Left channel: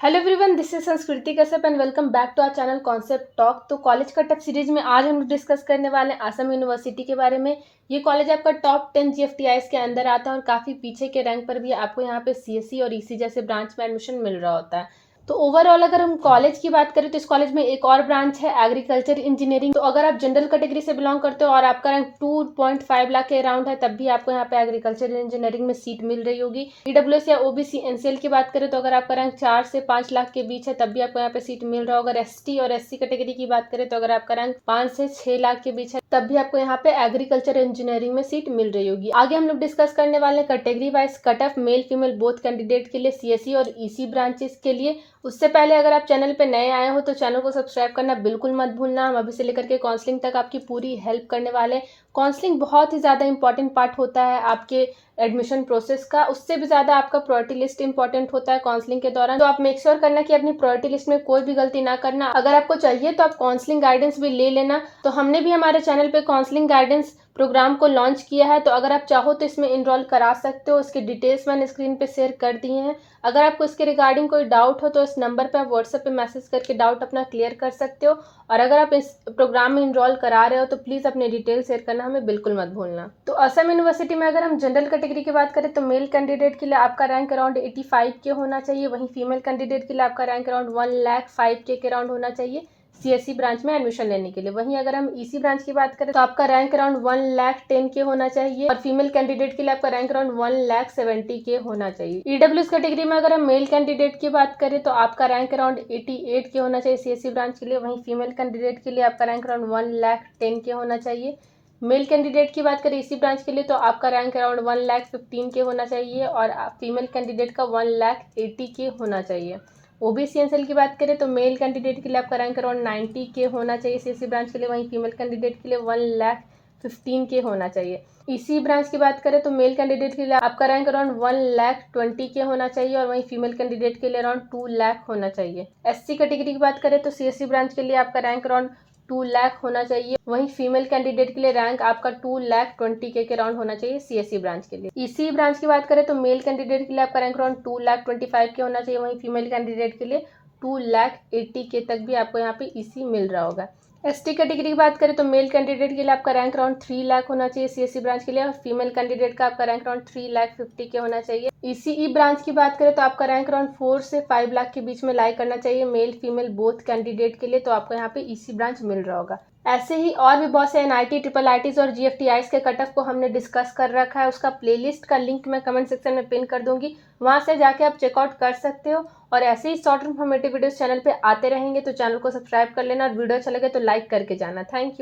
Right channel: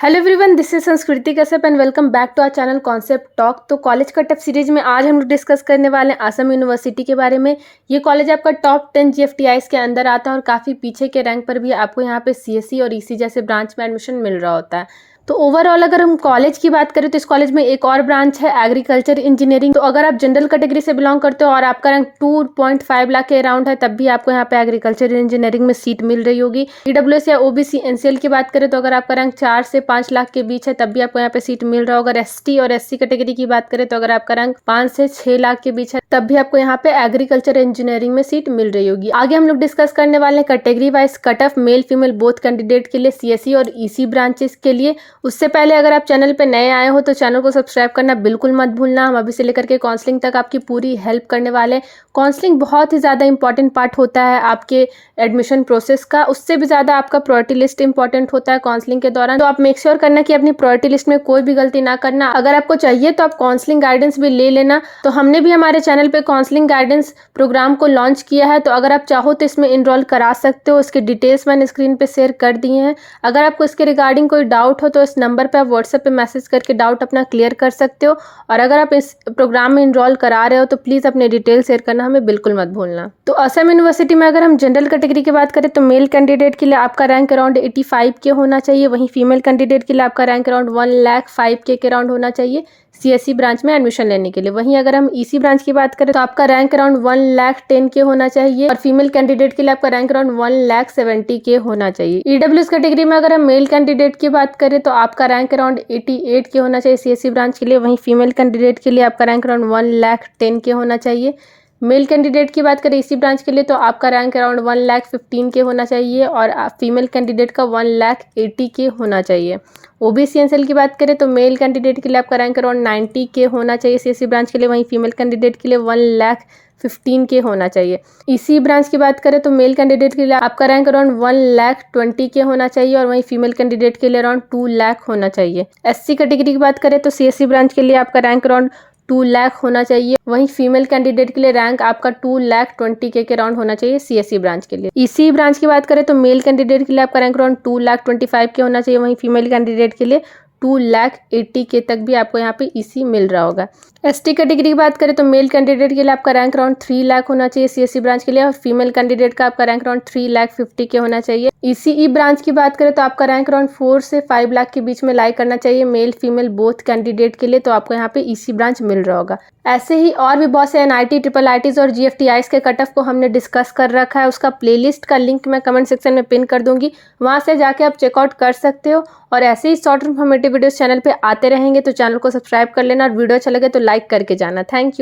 Hello everyone, this is Sanskriti Kashyap and welcome back to our channel concept talk. तो college का tough series में आज हम लोग डिस्कस करने वाले हैं असम यूनिवर्सिटी के बारे में। ये कॉलेज आपका टॉप 10 जीएफटीआईज के अंदर आता है और काफ़ी पीछे के रैंक पर भी आपको यहाँ पे सीएससी और ईसी जैसे ब्रांच में एडमिशन मिल रहा होता है। तो ओवरऑल अगर हम कॉलेज की बात करें तो इस कॉलेज में एक और ब्रांच है एग्रीकल्चर इंजीनियरिंग। तो अगर आप जनरल कैटेगरी से बिलोंग करते हो और आपका रैंक 2.5 लाख के अराउंड है तब भी आपको यहाँ पे एग्रीकल्चर इंजीनियरिंग में सीट मिल रही होगी। ईडब्ल्यूएस या ओबीसी एनसीएल की बात करें तो अगर आपका रैंक 4 से 5 लाख के बीच है तब भी आपको यहाँ पे सीट मिल रहा होगा। अगर एसटी और एससी कैटेगरी की बात करें तो अगर आपका रैंक 5 से 6 लाख के बीच है तब भी आपको यहाँ पे एग्रीकल्चर इंजीनियरिंग में सीट मिल रही होगी। आगे हम लोग डिस्कस करने वाले हैं category wise cut of male female both candidate के लिए सीएससी और ईसी ब्रांचेस के लिए। उससे पहले अगर आप चैनल पे नए आए हो तो चैनल को सब्सक्राइब करना बिल्कुल मत भूलना। हम अभी से लेकर के काउंसलिंग तक आपकी पूरी हेल्प करने वाले हैं। काउंसलिंग बहुत ही ज़्यादा इंपॉर्टेंट पार्ट होता है आपके एडमिशन प्रोसेस का, उससे भी ज़्यादा आपका प्रायोरिटी लिस्ट इंपॉर्टेंट होता है काउंसलिंग के दौरान। तो आप मेक श्योर करना कि अपनी प्रायोरिटी लिस्ट में कोई भी गलती ना करना। अगर आपको चाहिए तो आप काउंसलिंग गाइडेंस भी ले लेना। तो हमने भी हमारे चैनल पे काउंसलिंग गाइडेंस प्रोग्राम को लॉन्च किया है, तो अगर आप चाहो तो इसमें इनरोल करा सकते हो। इसके डिटेल्स मैंने स्क्रीन पे शेयर कर दिए हैं। अगर आपको इसके रिगार्डिंग कोई डाउट हो तो इस नंबर पे आप व्हाट्सएप पे मैसेज करके डाउट अपना क्लियर कर सकते हो। और अगर आप इस प्रोग्राम में इनरोल करा रहे हो तो प्लीज़ अपने डिटेल शेयर करना हमें बिल्कुल मत भूलना। तो असम यूनिवर्सिटी में अगर हम जनरल कैटेगरी की बात करें तो मेल कैंडिडेट के लिए आपका रैंक अराउंड 85 के होना चाहिए। वहीं फीमेल कैंडिडेट के लिए आपका रैंक अराउंड 1,05,000 के अराउंड होना चाहिए सीएससी ब्रांच में एडमिशन लेने के लिए। वहीं अगर हम ईसी ब्रांच की बात करें तो आपका रैंक अराउंड 1,10,000 के होना चाहिए और फीमेल कैंडिडेट के लिए आपका रैंक अराउंड 1,70,000 के होना चाहिए। ईडब्ल्यूएस कैटेगरी में अगर हम मेल कैंडिडेट की बात करें तो आपका रैंक अराउंड 88 के होना चाहिए सीएससी ब्रांच के लिए। वहीं फीमेल कैंडिडेट के लिए आपका रैंक अराउंड 1,10,000 के होना चाहिए। मेल कैंडिडेट की बात करें इसी ब्रांच के लिए तो आपका रैंक अराउंड 1,15,000 के होना चाहिए और फीमेल कैंडिडेट का 1,80,000 के होना चाहिए। ओबीसी एनसीएल की बात करें तो मेल कैंडिडेट के लिए आपका रैंक अराउंड 90 के होना चाहिए सीएससी ब्रांच के लिए। वहीं फीमेल कैंडिडेट के लिए 1,15,000 के होना चाहिए। इसी ब्रांच की बात करें तो मेल कैंडिडेट के लिए आपका रैंक अराउंड 1,20,000 के होना चाहिए और वहीं फीमेल कैंडिडेट के लिए अराउंड 2,00,000 होना चाहिए। एससी कैटेगरी की बात करें तो सीएससी ब्रांच के लिए आपका रैंक अराउंड 2,00,000 होना चाहिए। वहीं फीमेल कैंडिडेट के लिए रैंक आपका 2,20,000 के अराउंड होना चाहिए सीएससी ब्रांच के लिए। इसी ब्रांच की बात करें तो मेल कैंडिडेट के लिए आपका रैंक अराउंड 2,25,000 के होना चाहिए। वहीं फीमेल कैंडिडेट के लिए 2,80,000 के तक भी आपको यहाँ पे ईसी मिल रहा होगा। एसटी कैटेगरी की बात करें तो मेल कैंडिडेट के लिए आपका रैंक अराउंड 3,00,000 होना चाहिए सीएससी ब्रांच के लिए और फीमेल कैंडिडेट का आपका रैंक अराउंड 3,50,000 के होना चाहिए। ईसीई ब्रांच की बात करें तो आपका रैंक अराउंड 4 से 5 लाख के बीच में लाई करना चाहिए मेल फीमेल बोथ कैंडिडेट के लिए। तो आपको यहाँ पे ईसी ब्रांच मिल रहा होगा। ऐसे ही और भी बहुत से एनआईटी ट्रिपल आईटीज और जीएफटीआईज के कट ऑफ को हमने डिस्कस कर रखा है। उसका प्लेलिस्ट का लिंक मैं कमेंट सेक्शन में पिन कर दूंगी, वहां से जाके आप चेकआउट कर सकते हो। और ऐसे ही शॉर्ट इन्फॉर्मेटिव वीडियोस चैनल पे आते रहेंगे, तो चैनल को सब्सक्राइब कर लेना और वीडियो अच्छा लगे तो लाइक करके जाना। Thank you.